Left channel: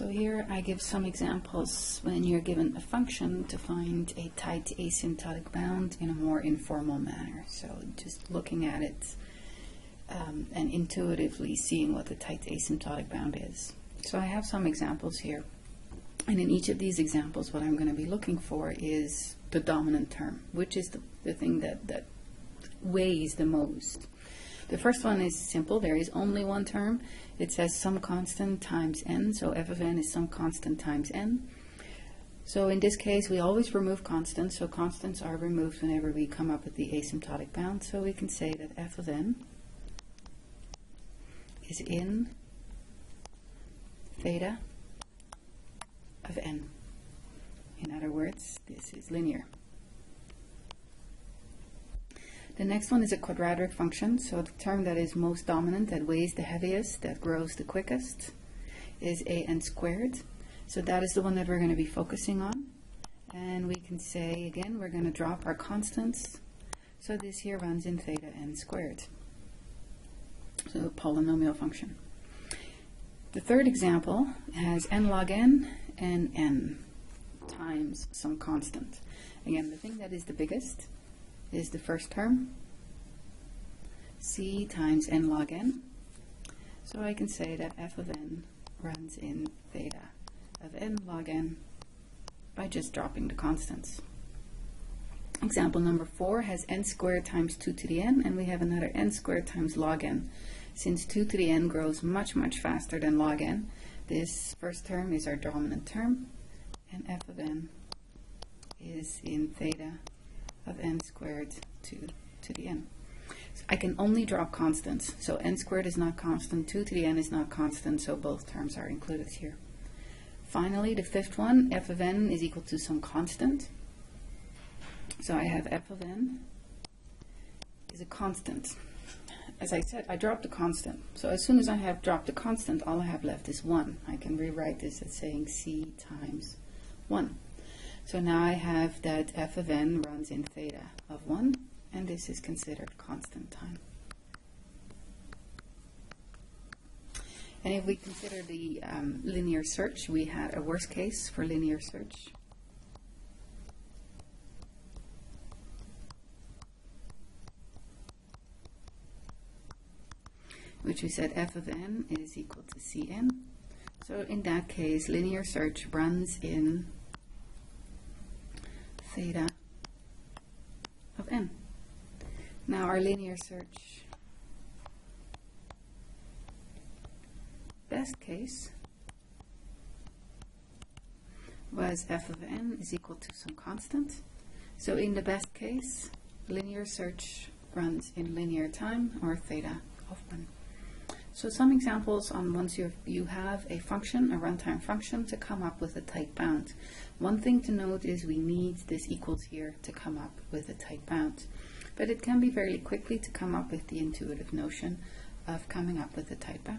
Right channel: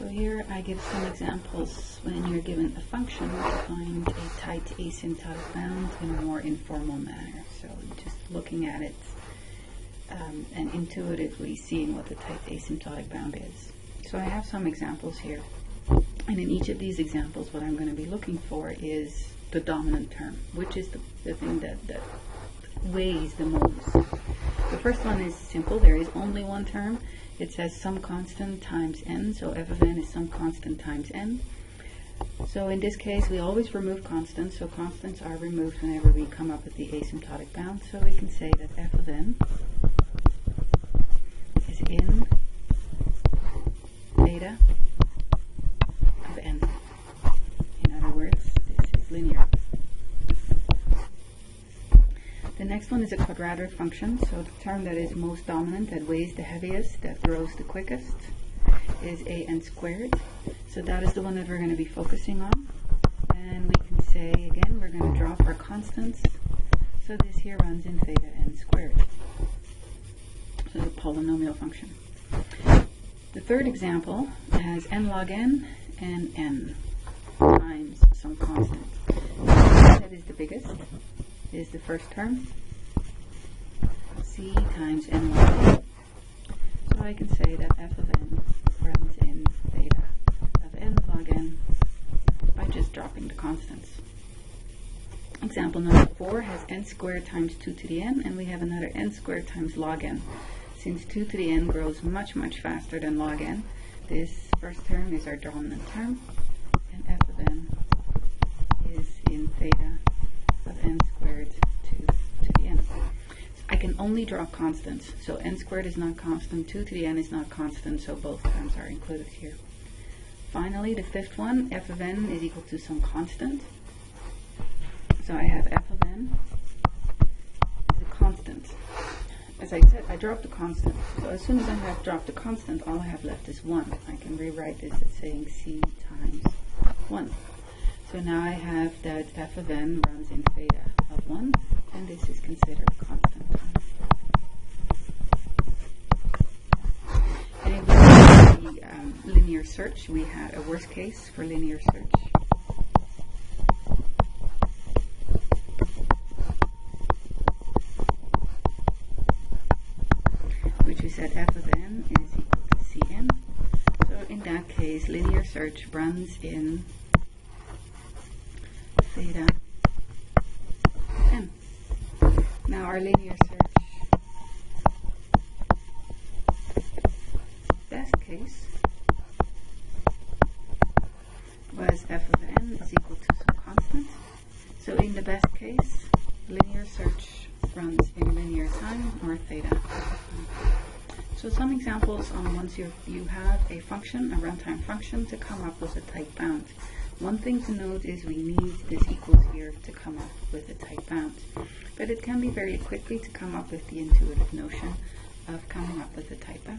So here I give some examples when you're given a function to find a tight asymptotic bound in a more informal manner. So just looking at it and intuitively seeing what the tight asymptotic bound is. So I have some examples here. And in each of these examples, what I'm going to be looking for is the dominant term, which is the thing that weighs the most. The first one is simple. There is only one term. It says some constant times n, so f of n is some constant times n. So in this case, we always remove constants, so constants are removed whenever we come up with the asymptotic bound. So we can say that f of n is in theta of n. In other words, this is linear. The next one is a quadratic function, so the term that is most dominant, that weighs the heaviest, that grows the quickest, is an squared. So that is the one that we're going to be focusing on. And we can say, again, we're going to drop our constants. So this here runs in theta n squared. So the polynomial function. The third example has n log n and n times some constant. That is the biggest, is the first term, c times n log n. So I can say that f of n runs in theta of n log n by just dropping the constants. Example number 4 has n squared times 2 to the n, and we have another n squared times log n. Since 2 to the n grows much, much faster than log n, this first term is our dominant term, and f of n is in theta of n squared to the n. So I can only drop constants, so n squared is not constant, 2 to the n is not constant, so both terms are included here. Finally, the fifth one, f of n is equal to some constant. So I have f of n is a constant. As I said, I dropped the constant. So as soon as I have dropped the constant, all I have left is 1. I can rewrite this as saying c times 1. So now I have that f of n runs in theta of 1, and this is considered constant time. And if we look at the linear search, we had a worst case for linear search. Which we said f of n is equal to cn. So in that case, linear search runs in theta of n. Now our linear search best case was f of n is equal to some constant. So in the best case, linear search runs in linear time, or theta of n. So some examples on once you have a function, a runtime function, to come up with a tight bound. One thing to note is we need this equals here to come up with a tight bound. But it can be very quickly to come up with the intuitive notion of coming up with a tight bound.